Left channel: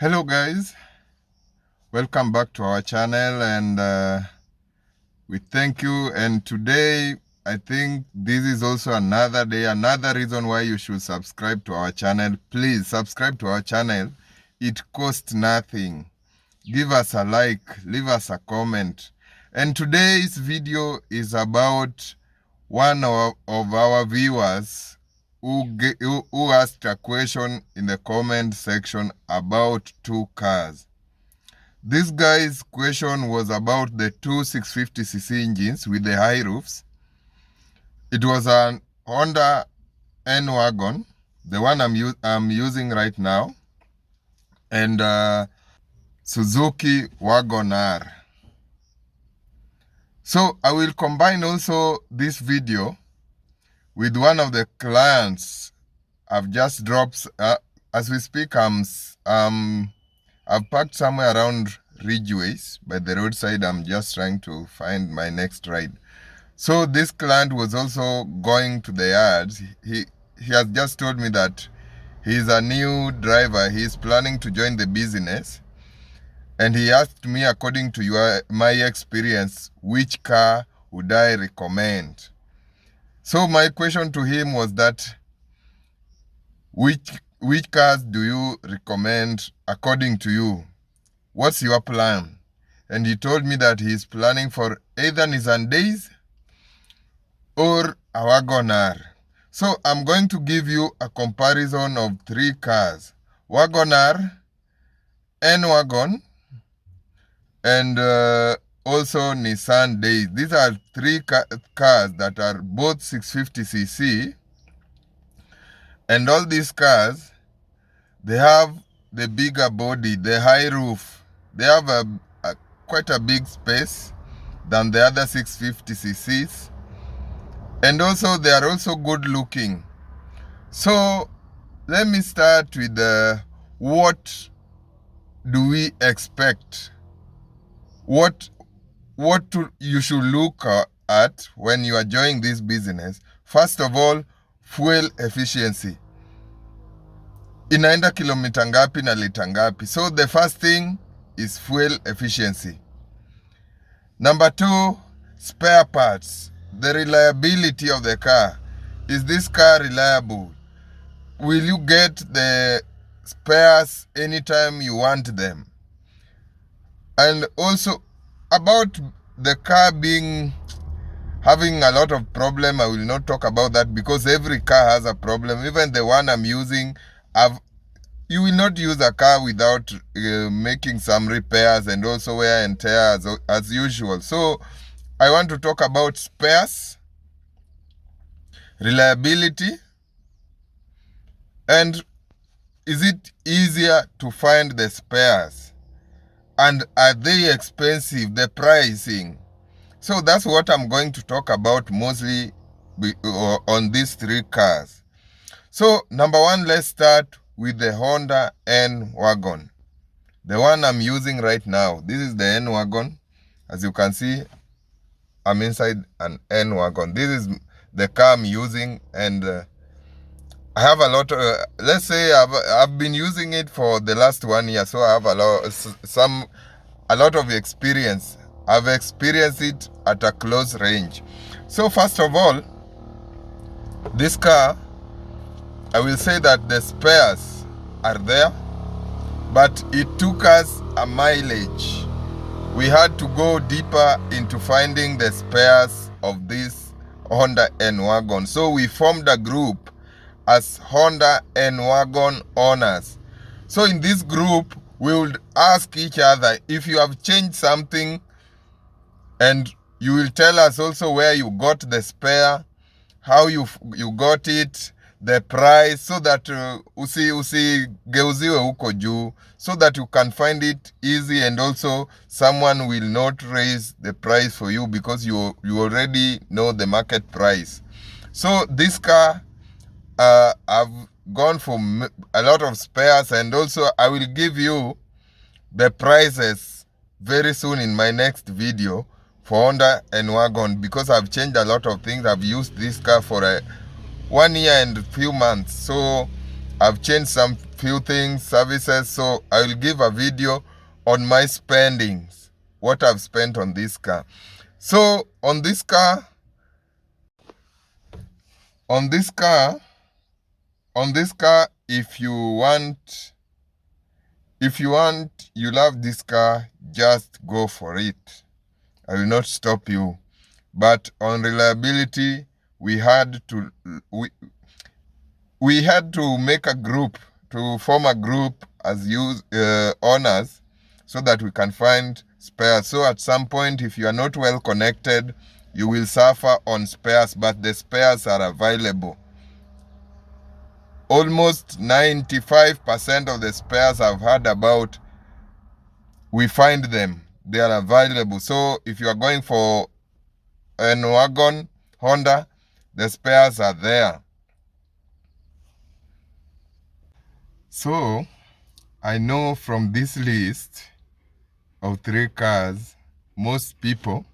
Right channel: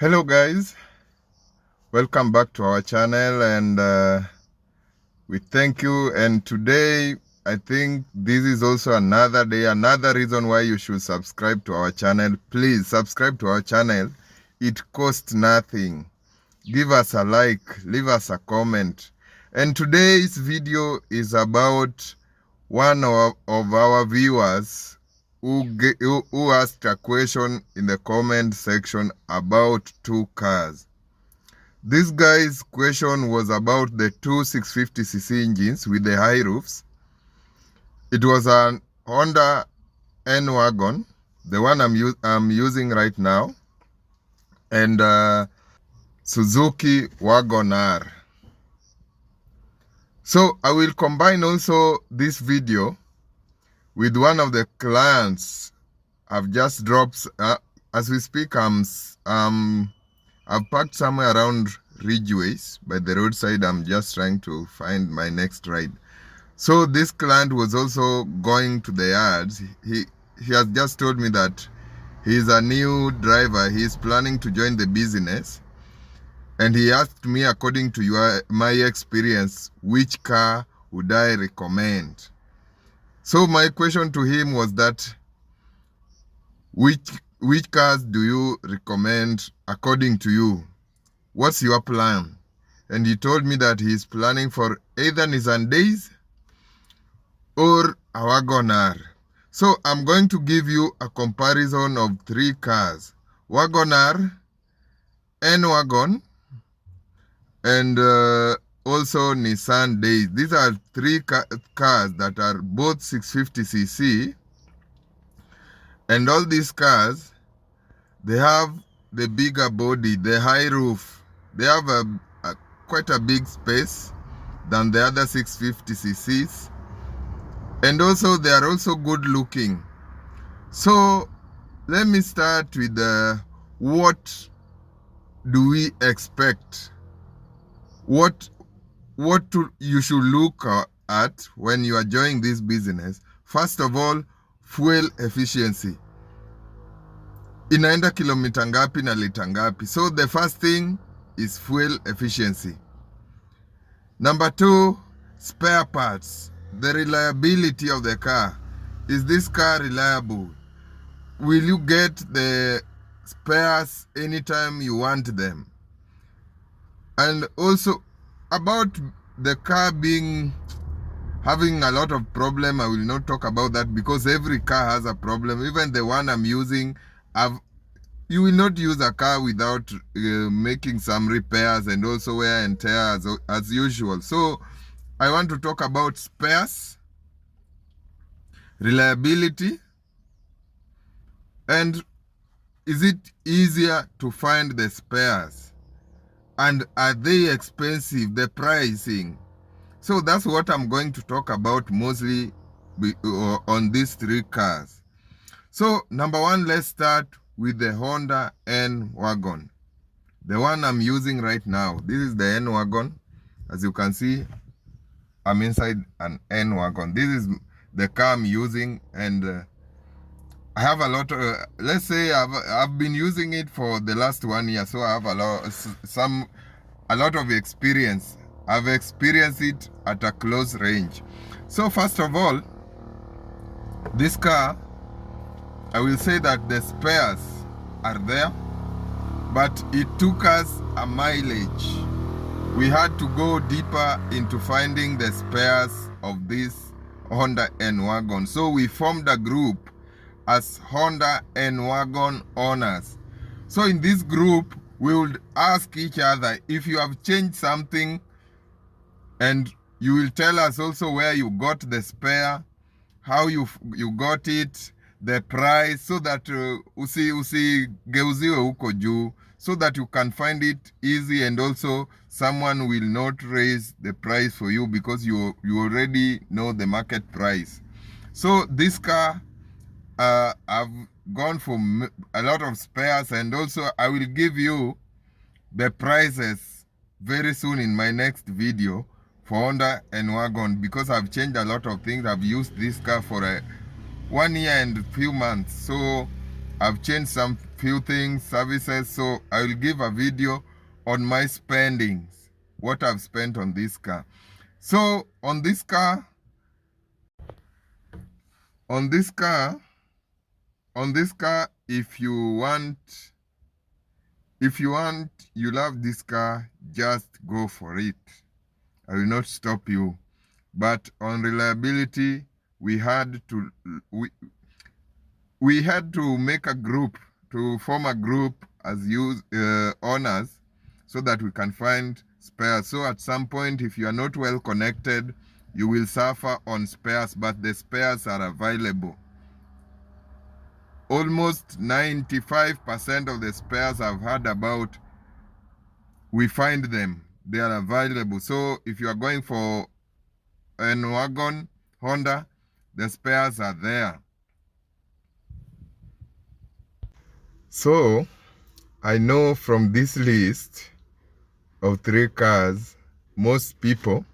Hello guys, welcome back to our channel, and we thank you. And today I think this is also another day, another reason why you should subscribe to our channel. Please subscribe to our channel. It costs nothing. Give us a like, leave us a comment. And today's video is about one of our viewers who asked a question in the comment section about two cars. This guy's question was about the two 650cc engines with the high roofs. It was an Honda N-Wagon, the one I'm using right now, and Suzuki Wagon R. So I will combine also this video with one of the clients I've just dropped. As we speak, I've parked somewhere around Ridgeways by the roadside. I'm just trying to find my next ride. So this client was also going to the yards. He has just told me that he's a new driver. He's planning to join the business. And he asked me, according to my experience, which car would I recommend? So my question to him was that, which cars do you recommend according to you? What's your plan? And he told me that he's planning for either Nissan Dayz or a Wagon R. So I'm going to give you a comparison of three cars: Wagon R, N-Wagon, and also Nissan Dayz. These are three cars that are both 650cc, and all these cars, they have the bigger body, the high roof. They have quite a big space than the other 650cc's, and also they are also good looking. So let me start with what do we expect? What you should look at when you are joining this business. First of all, fuel efficiency. Inaenda kilomita ngapi na lita ngapi? So the first thing is fuel efficiency. Number two, spare parts. The reliability of the car. Is this car reliable? Will you get the spares anytime you want them? And also about the car having a lot of problem, I will not talk about that because every car has a problem. Even the one I'm using, you will not use a car without making some repairs and also wear and tear as usual. So I want to talk about spares, reliability, and is it easier to find the spares? And are they expensive, the pricing? So that's what I'm going to talk about mostly on these three cars. So number one, let's start with the Honda N-Wagon, the one I'm using right now. This is the N-Wagon. As you can see, I'm inside an N-Wagon. This is the car I'm using, and I have a lot of, let's say I've been using it for the last 1 year, so I have a lot of experience. I've experienced it at a close range. So first of all, this car, I will say that the spares are there, but it took us a mileage. We had to go deeper into finding the spares of this Honda N-Wagon. So we formed a group as Honda N-Wagon owners. So in this group, we would ask each other if you have changed something, and you will tell us also where you got the how you got it, the price, so that usigeuziwe huko juu, so that you can find it easy, and also someone will not raise the price for you because you already know the market price. So this car, I've gone for a lot of spares, and also I will give you the prices very soon in my next video for Honda N-Wagon, because I've changed a lot of things. I've used this car for 1 year and a few months, so I've changed some few things, services. So I will give a video on my spendings, what I've spent on this car. So on this car, if you love this car, just go for it. I will not stop you. But on reliability, we had to make a group, to form a group as owners, so that we can find spares. So at some point, if you are not well connected, you will suffer on spares, but the spares are available. Almost 95% of the spares I've heard about, we find them. They are available. So if you are going for N-Wagon, Honda, the spares are there. So I know from this list of 3 cars, most people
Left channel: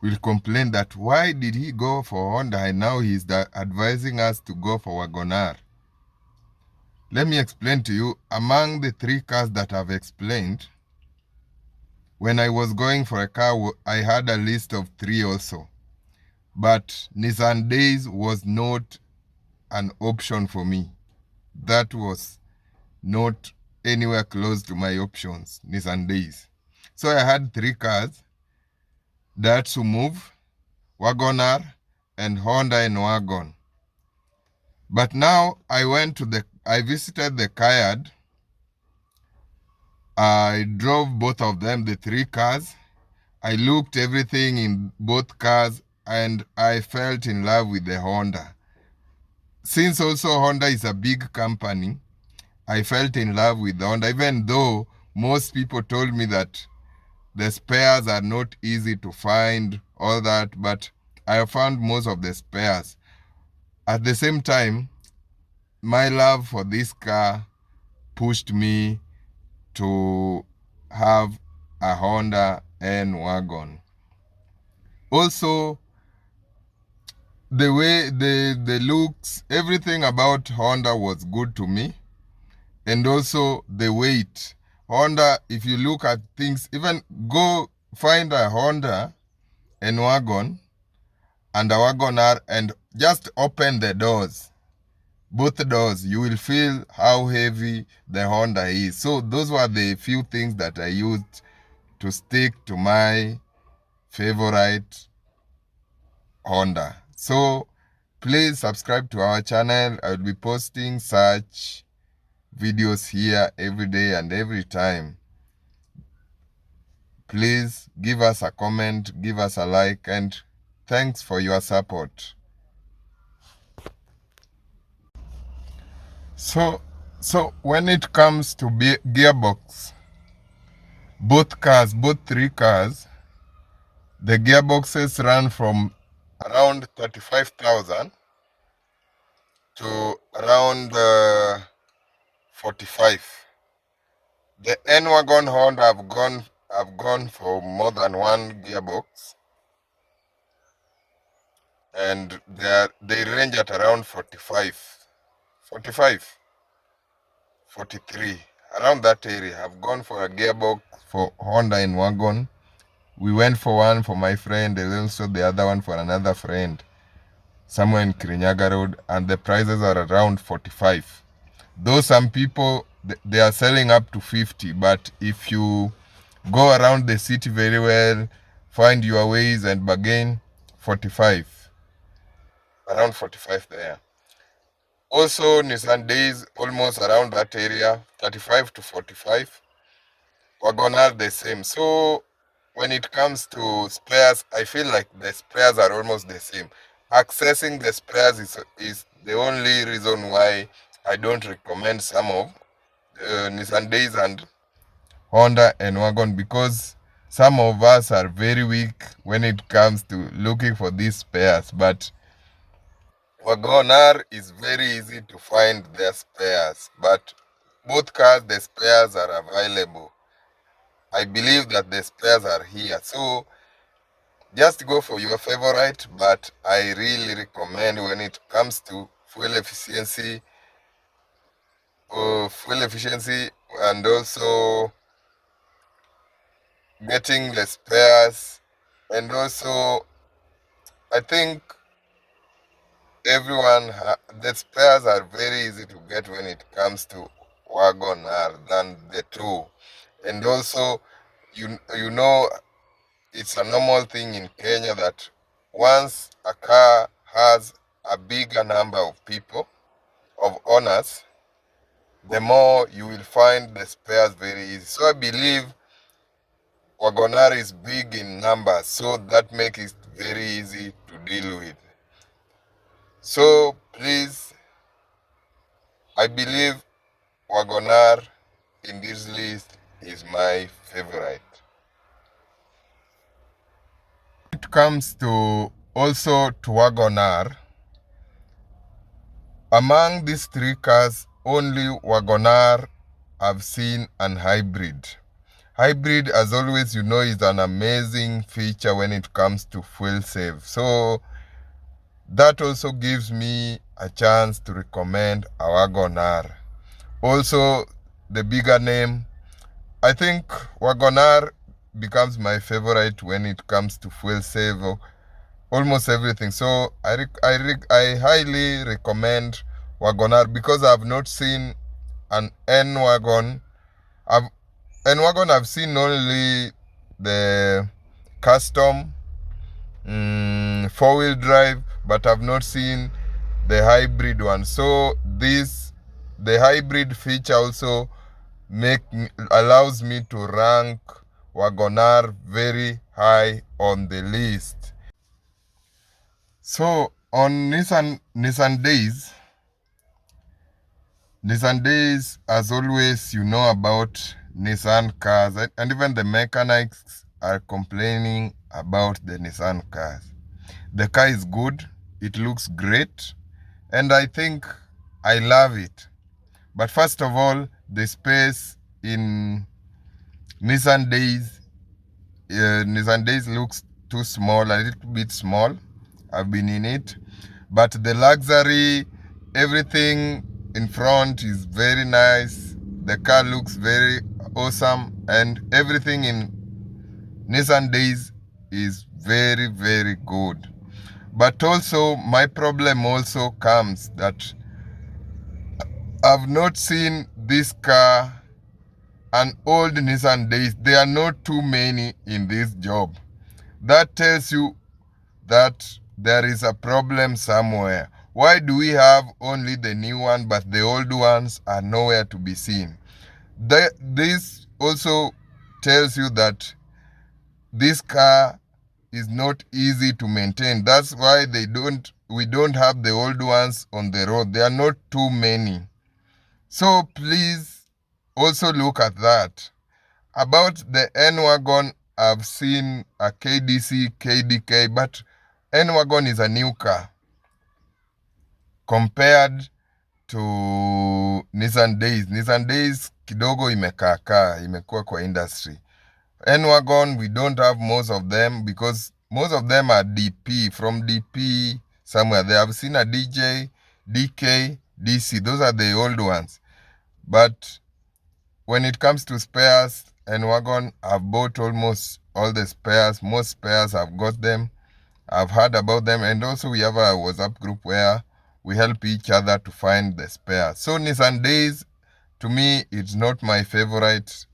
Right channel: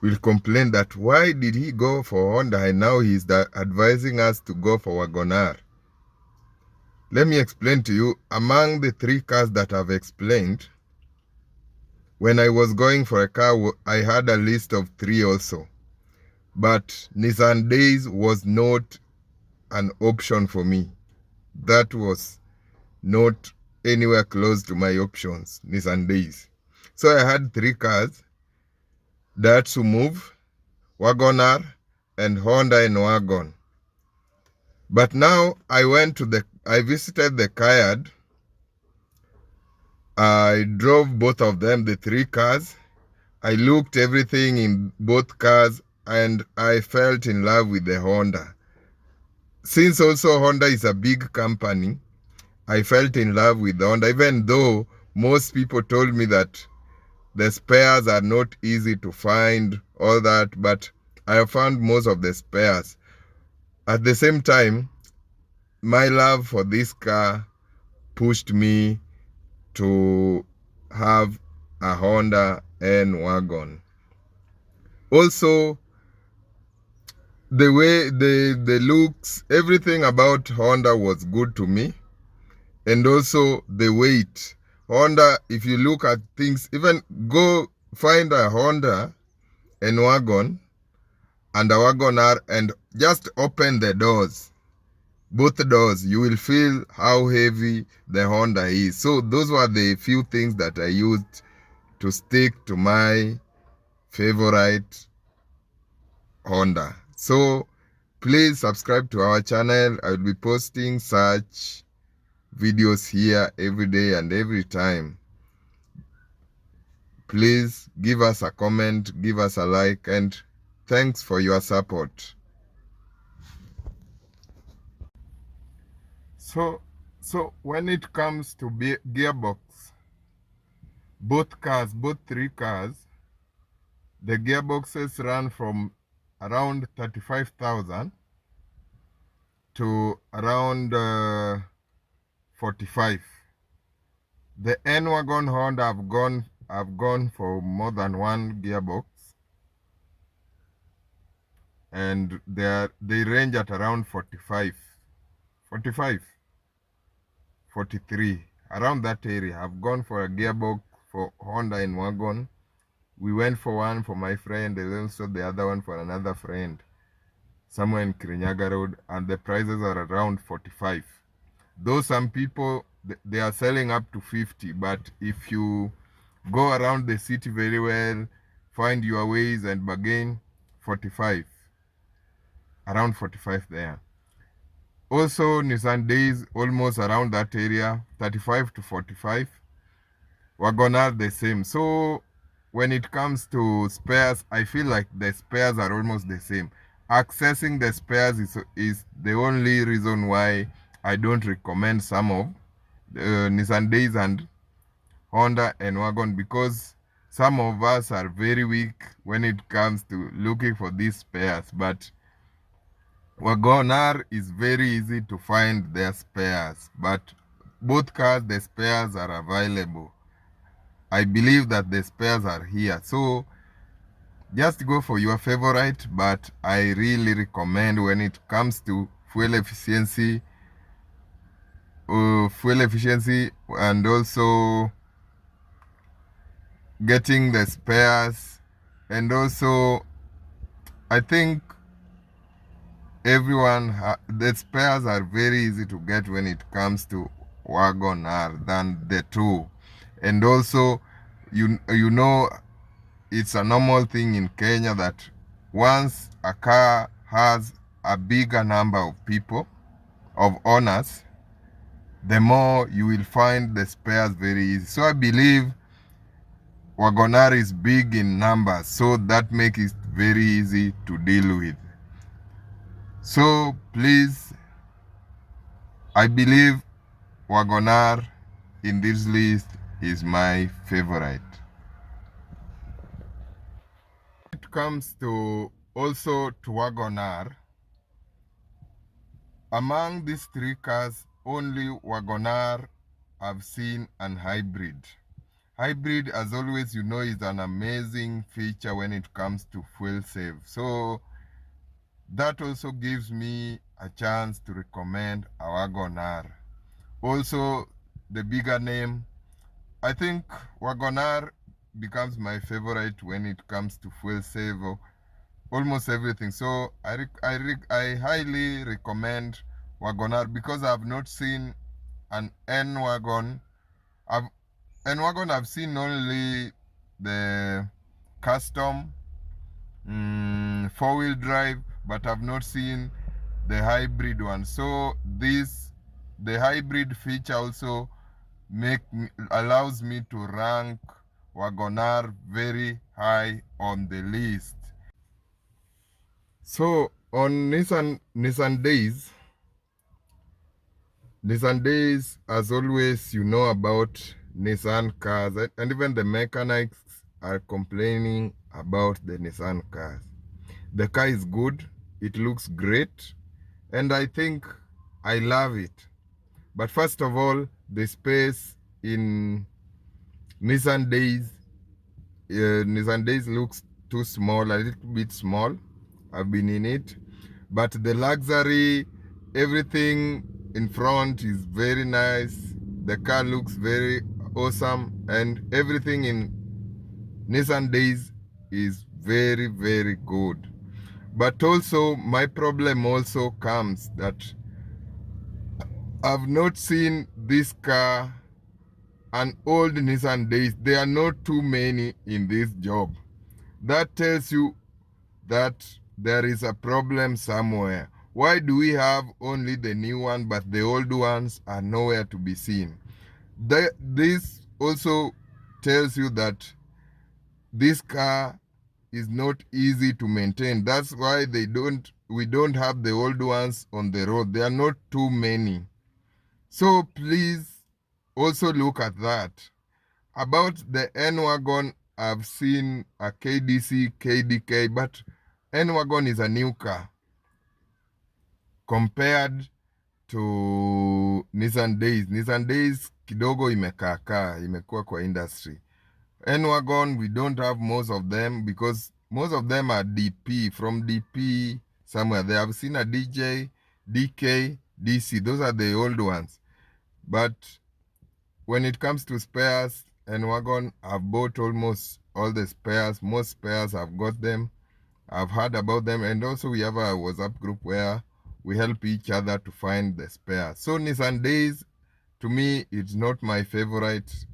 will complain that why did he go for Honda and now he's advising us to go for Wagon R. Let me explain to you. Among the 3 cars that I've explained, when I was going for a car, I had a list of 3 also. But Nissan Dayz was not an option for me. That was not anywhere close to my options, Nissan Dayz. So I had 3 cars, Datsun Move, Wagon R, and Honda N-Wagon. But now I visited the car yard. I drove both of them, the 3 cars. I looked everything in both cars and I felt in love with the Honda. Since also Honda is a big company, I felt in love with the Honda, even though most people told me that the spares are not easy to find, all that, but I found most of the spares. At the same time, my love for this car pushed me to have a Honda N-Wagon. Also, the way, the looks, everything about Honda was good to me. And also the weight. Honda, if you look at things, even go find a Honda N-Wagon and a Wagon R and just open the doors. Both doors, you will feel how heavy the Honda is. So those were the few things that I used to stick to my favorite Honda. So please subscribe to our channel. I will be posting such videos here every day and every time. Please give us a comment, give us a like, and thanks for your support. So when it comes to gearbox, both 3 cars, the gearboxes run from around 35,000 to around 45. The N-Wagon Honda I've gone for more than 1 gearbox, and they range at around 45, 43, around that area. I've gone for a gearbox for Honda N-Wagon. We went for one for my friend and also the other one for another friend somewhere in Kirinyaga Road, and the prices are around 45. Though some people, they are selling up to 50, but if you go around the city very well, find your ways and bargain, 45. Around 45 there. Also, Nissan Dayz, almost around that area, 35 to 45. Wagon R the same. So when it comes to spares, I feel like the spares are almost the same. Accessing the spares is the only reason why I don't recommend some of Nissan Dayz and Honda N-Wagon, because some of us are very weak when it comes to looking for these spares. But Wagon R is very easy to find their spares, but both cars, the spares are available. I believe that the spares are here. So just go for your favorite, but I really recommend when it comes to fuel efficiency, fuel efficiency and also getting the spares, and also I think the spares are very easy to get when it comes to Wagon R than the two. And also you know it's a normal thing in Kenya that once a car has a bigger number of people, of owners, the more you will find the spares very easy. So I believe Wagon R is big in numbers, so that makes it very easy to deal with. So please, I believe Wagon R in this list is my favorite. When it comes to also to Wagon R, among these three cars, only Wagon R I've seen an hybrid. Hybrid, as always, you know, is an amazing feature when it comes to fuel save. So that also gives me a chance to recommend a Wagon R. Also, the bigger name, I think Wagon R becomes my favorite when it comes to fuel save, almost everything. So I highly recommend Wagon R because I've not seen an N-Wagon. N-Wagon I've seen only the custom four-wheel drive, but I've not seen the hybrid one. So the hybrid feature also allows me to rank Wagon R very high on the list. So on Nissan Dayz, as always, you know about Nissan cars, and even the mechanics are complaining about the Nissan cars. The car is good, it looks great, and I think I love it. But first of all, the space in Nissan Dayz looks too small, a little bit small. I've been in it, but the luxury, everything in front is very nice. The car looks very awesome, and everything in Nissan Dayz is very, very good. But also my problem also comes that I've not seen this car, an old Nissan Dayz. There are not too many in this job. That tells you that there is a problem somewhere. Why do we have only the new one but the old ones are nowhere to be seen? This also tells you that this car is not easy to maintain. That's why we don't have the old ones on the road. There are not too many. So please also look at that. About the N-Wagon, I've seen a KDC, KDK, but N-Wagon is a new car compared to Nissan Dayz. Nissan Dayz kidogo imekuwa kwa industry. N-Wagon, we don't have most of them because most of them are DP, from DP somewhere. They have seen a DJ, DK, DC. Those are the old ones. But when it comes to spares, N-Wagon, I've bought almost all the spares. Most spares, I've got them. I've heard about them. And also we have a WhatsApp group where we help each other to find the spares. So Nissan Dayz, to me, it's not my favorite